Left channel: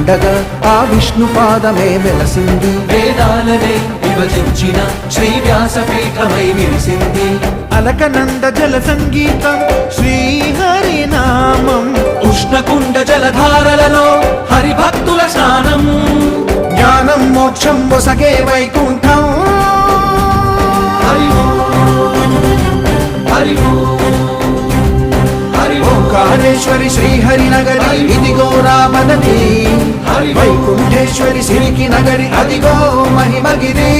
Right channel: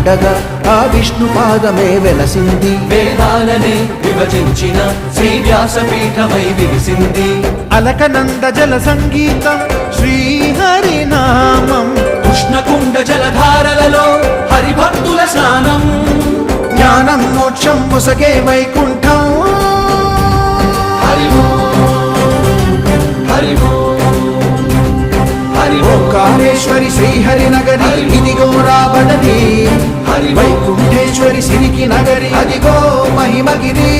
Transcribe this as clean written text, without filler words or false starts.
ఉండగా ఆ విష్ణు పాదమే వెలసింది. వేదాలనే విభజించిన శ్రీ వ్యాసపీఠమై విరిసింది. అలకనంద జల సంగీతం శ్రీహరి నామం, ఉష్ణకుండ జలధారలలో హరిభక్తుల స్నానం. జ్ఞానం మోక్షం మొసగే వైకుంఠం. హరి హరి హరి ఓంకారేశ్వరి శ్రీహరి నగరి ఇదిగో రాబడది. హరి వైకుంఠేశ్వరి సిరికి నగరి అదిగో మహిమగిరి.